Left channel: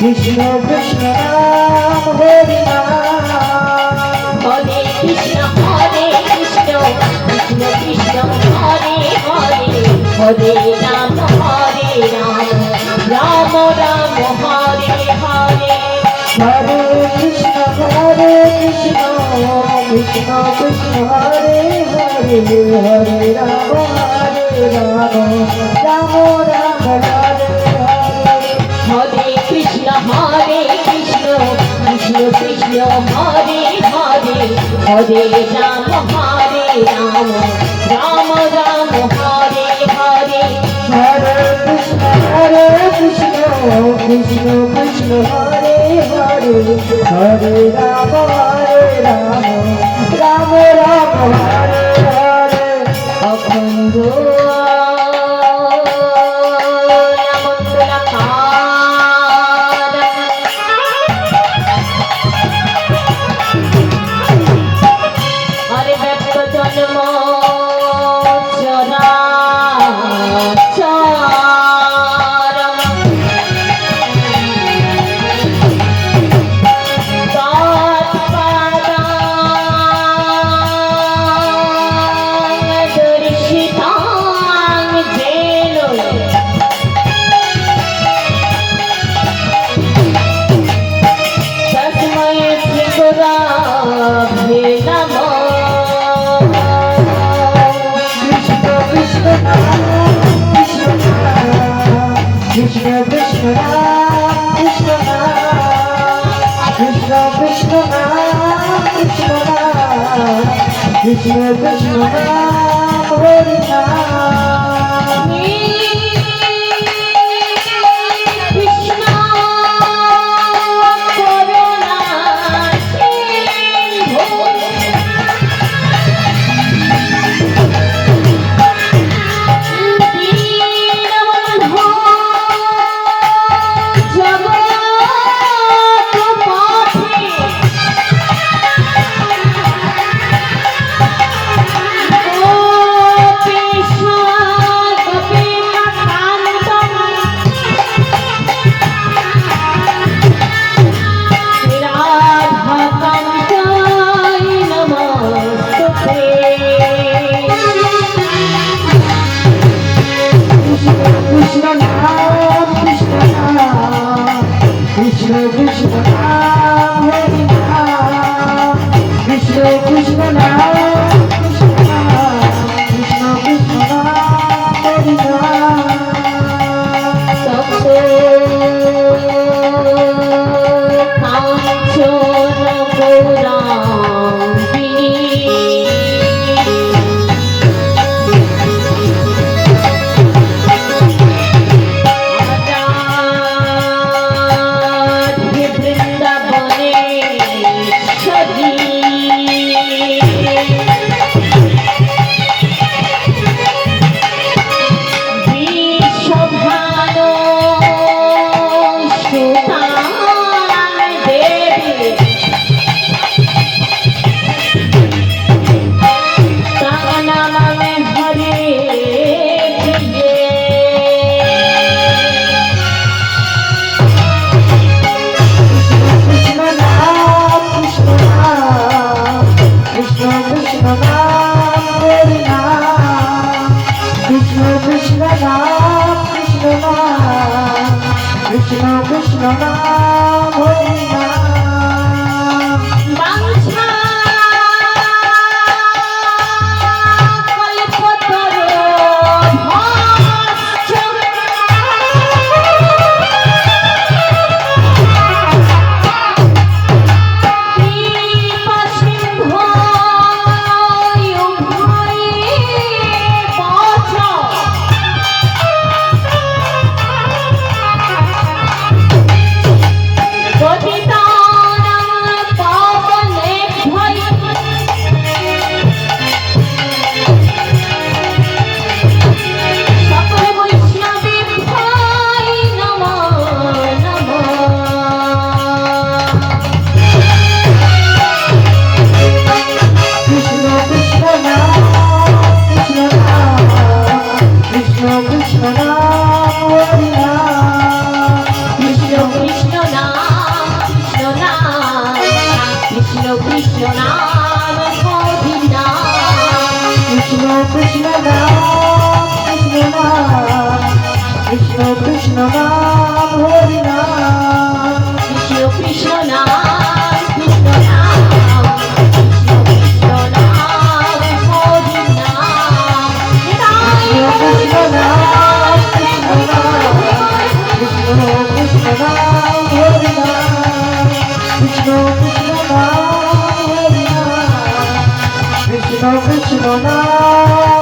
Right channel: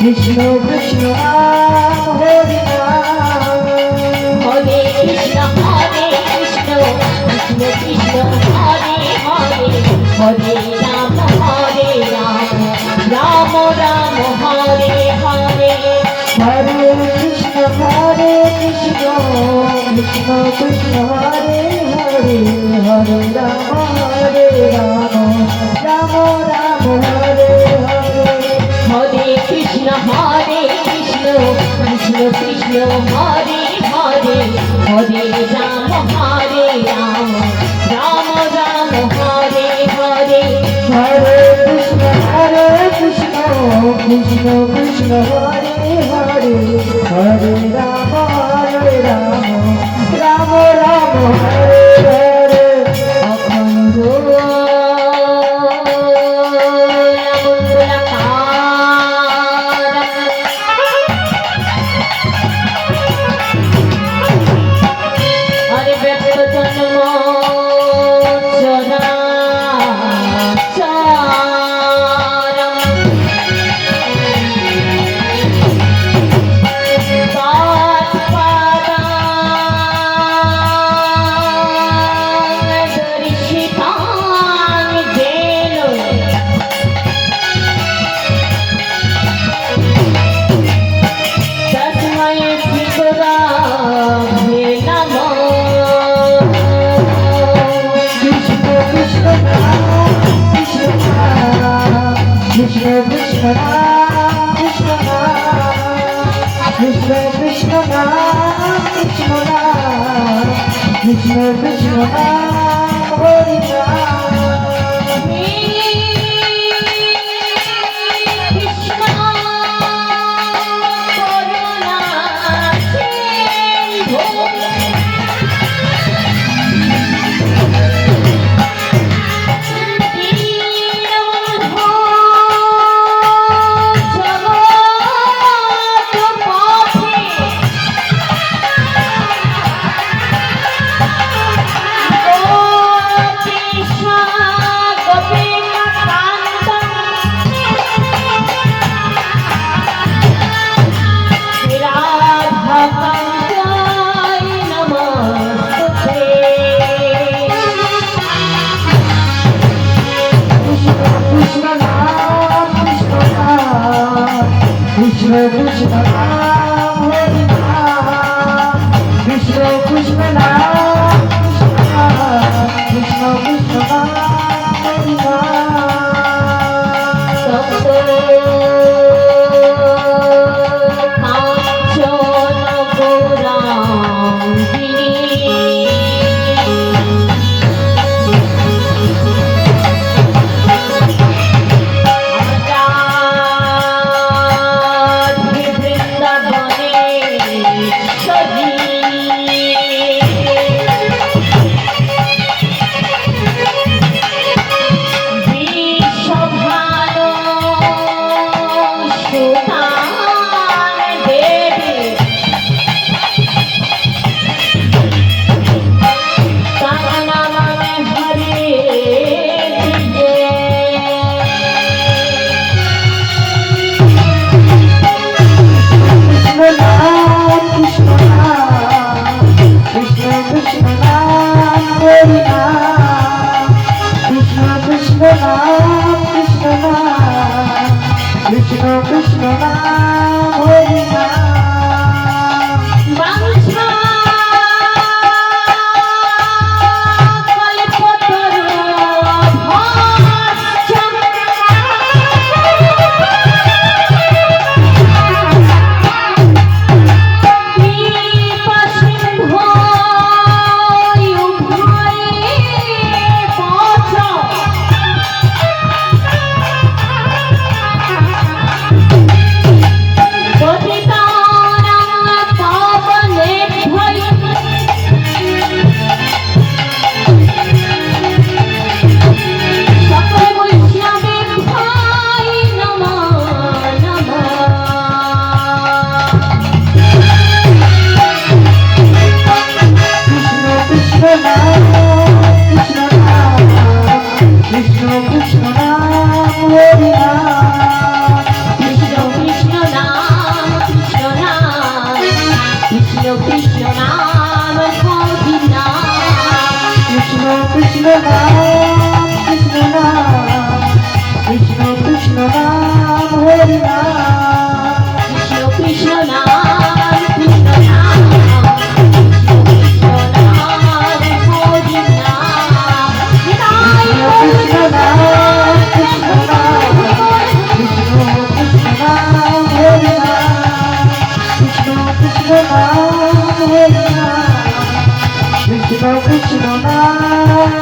Krishna Krishna Ram Hare Ram Hare Krishna Krishna Krishna Hare Hare Hare Ram Ram Ram Hare Hare Hare Krishna Krishna Krishna Hare Hare Hare Ram Ram Hare Hare Hare Krishna Krishna Krishna Hare Hare Hare Ram Ram Ram Hare Hare Hare Krishna Krishna Krishna Hare Hare Hare Ram Ram Ram Hare Hare অখণ্ড Krishna Krishna Krishna Krishna Krishna Krishna Krishna Hare Ram Krishna Corona Krishna Krishna Hare Ram Krishna Krishna Krishna Krishna Krishna Hare Krishna নাম